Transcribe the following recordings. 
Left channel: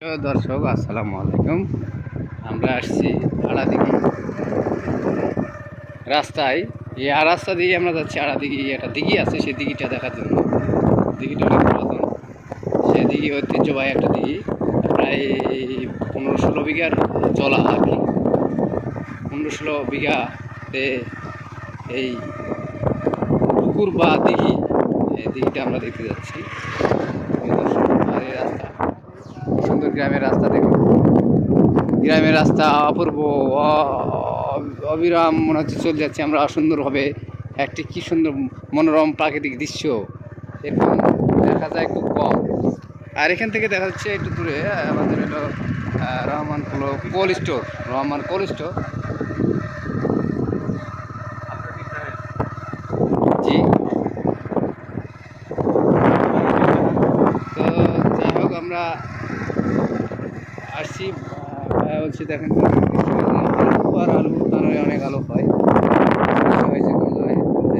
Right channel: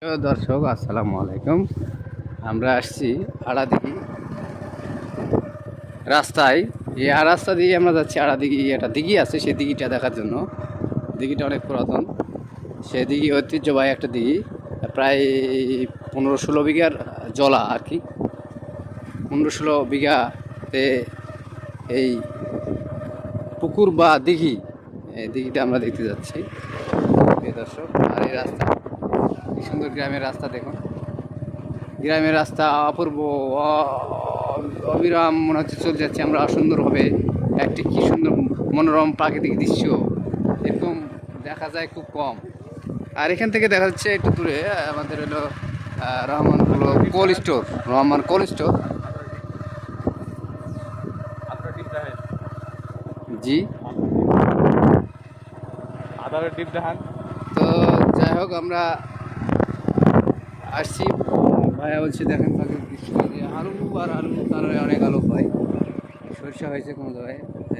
দর্শক আসসালামু আলাইকুম। আমরা আসছি আড়াদিঘি রাস্তায়। এই রাস্তা দিয়ে আমরা যাচ্ছি আড়াদিঘি। একটা দিঘি আছে, সেই দিঘিটা দেখার জন্য। দিঘিটা অনেক পুরাতন, সে দিঘি ঐতিহ্যবাহী একটা দিঘি। প্রায় 15-16 বিঘার জলা আর কি। 15-16 বিঘাতে এই পুকুর বা দিঘি, এই দিঘিটা আমরা দেখতে যাচ্ছি। আর এই রাস্তা, সুন্দর গ্রামের রাস্তা দেখুন। গ্রামের রাস্তা অপূর্ব, অবিরাম মনে হচ্ছে চলে যাচ্ছে আমরা সুন্দরভাবে। একটি কী সুন্দর মনোরম প্রাকৃতিক দৃশ্য এরকম দেখা যায় খুব কম। আর এখান থেকে দেখা যাচ্ছে একটু দূরে আমাদের হলো Rahman cold store, Rahman cold store. জি, তো যাই হোক আমরা আসছি। বলছি দেখেন আলু আর আলু, তার অনেক আলু হয়, হয়েছে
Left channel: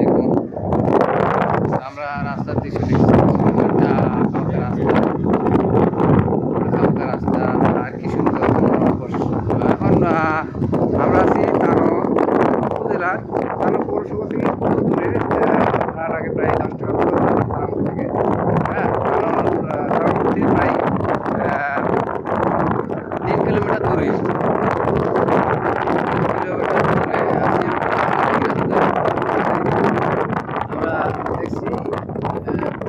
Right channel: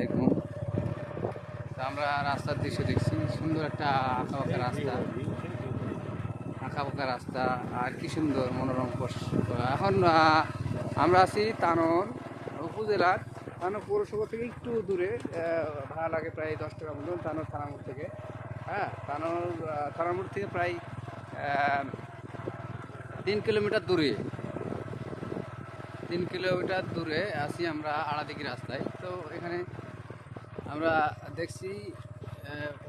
এরকম। আমরা রাস্তার দৃশ্য দেখছি, সুন্দর একটা আঁকা রাস্তা, আঁকা রাস্তা। আর কি সুন্দর। এখন আমরা আছি তানোর উপজেলার, তানোর পৌরসভা থেকে কত দূরে, তার আগে প্রায় জানতে হবে থেকে। হ্যাঁ, তানোর থেকে প্রায় 3 কিলোমিটার দূরে, 3 কিলোমিটার দূরে আছি আমরা আড়াদিঘি রাস্তায়। আমরা দেখছি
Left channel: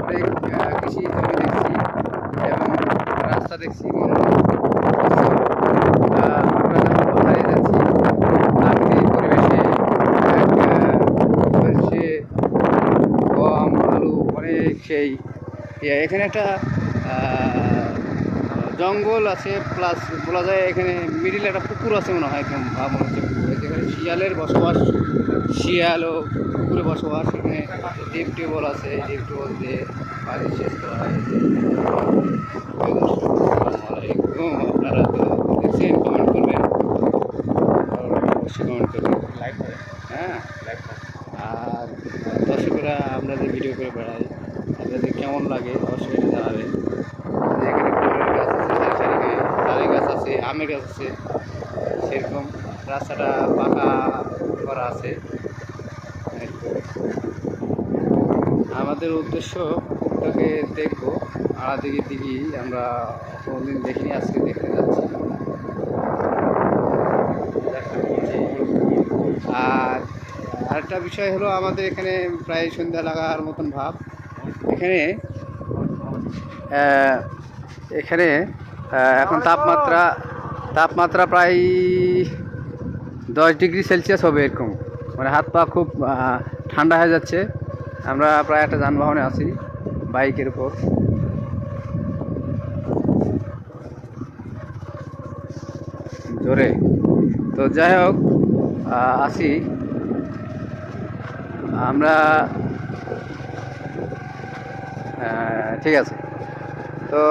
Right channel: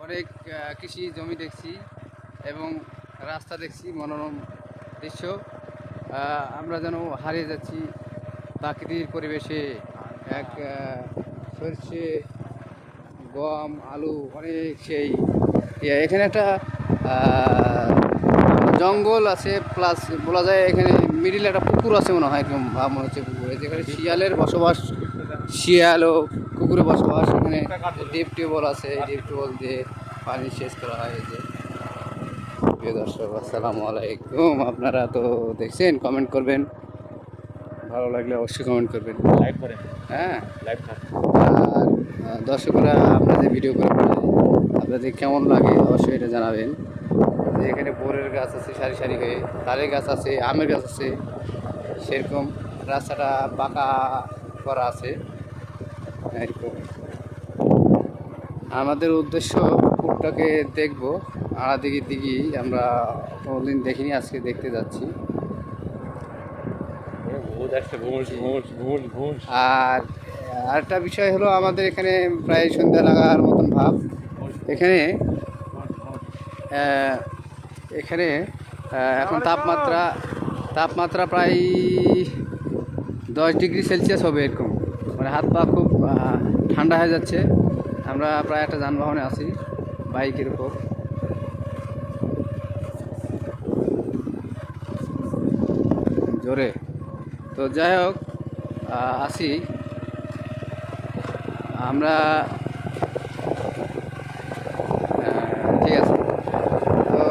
অনেক কৃষি জমি দেখছি এবং রাস্তা দেখছি, মনোরম দৃশ্য। আমরা যেন হারিয়ে যাচ্ছি প্রাকৃতিক পরিবেশে। এক সে গম আলু অনেক সেই এখানে একটা জঙ্গল আছে, প্লাস বলা যায় এখানে মিডিলে একটা পুকুর আছে মনে হয়, একদম মনে হচ্ছে পুকুরে, যেখানে শিয়ালের বসবাস। শিয়াল ও পুকুরে বসবাস। এখানে ডিপ টিউবওয়েল আছে, এই ডিপ টিউবওয়েল দিয়ে পানি সেচ করা হয়। দর্শক আসসালামু আলাইকুম। আপনারা তো দেখছেন, কমেন্ট করবেন, ভালো লাগলে অবশ্যই কমেন্ট করবেন, লাইক করেন। হ্যাঁ, আর দর্শকরা আপনাদের ভিডিও করে আপনাদের কেমন লাগে অবশ্যই এটা জানাবেন। এখানে ফুলের গাছ আছে সারি সারি হয়ে, তালের গাছ আছে, আমের গাছ আছে, সেরকম রাস্তাটা পাকা করা আছে। আমাদের উদ্দেশ্য পুকুরটাকে দেখবো, আড়াদিঘির দিঘি আমরা কোনোদিন দেখিনি, আজকে দেখতে যাচ্ছি। আর আরেকটা বিষয় হলো, আমাদের এখানে প্রায় সন্ধ্যা লাগার মতন ভাব। এখানে এখানে এখন তাপমাত্রা প্রায় 10 ডিগ্রি সেলসিয়াস হবে এরকম, মানে হাত পা খুব ঠান্ডা হয়ে যাচ্ছে। আমরা প্রায় একটা যানবাহনে আছি, বাইকের উপর। জোরে তো যাই হোক আসি আমরা। ঠিক আছে, তো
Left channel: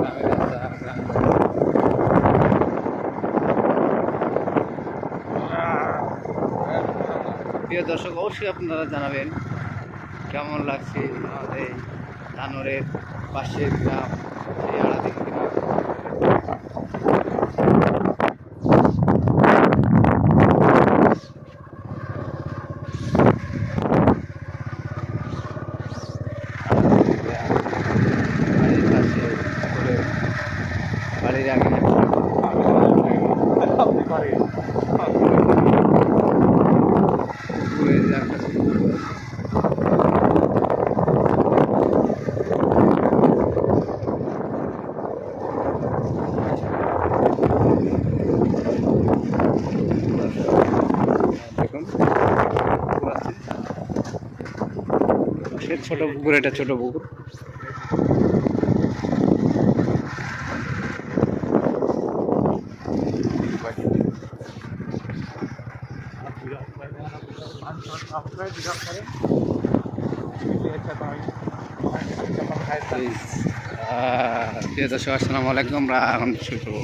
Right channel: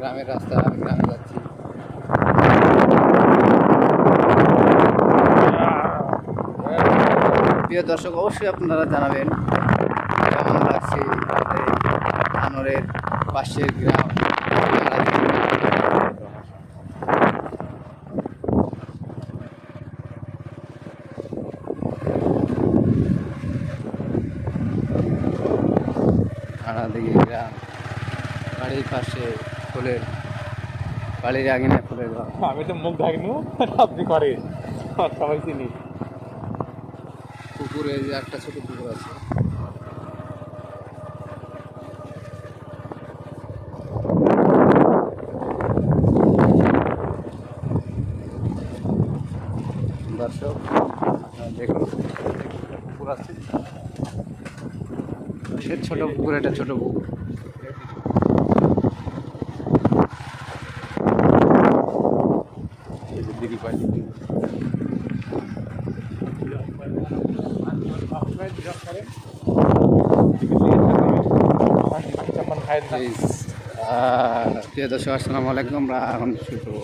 গ্রামের রাস্তা, প্রিয় দর্শক অবশ্যই আপনারা জানাবেন কেমন লাগছে এই তানোরের পাশের গ্রাম। বাড়ির পাশে করে বাড়ির আগে পুকুরে একটা ছোট পুকুর আছে। দেখুন পুকুর আছে, সে ছোট পুকুর, এটা ছোট পুকুর। প্রিয় দর্শক আসসালামু আলাইকুম। আমরা এখন শুরু করবো।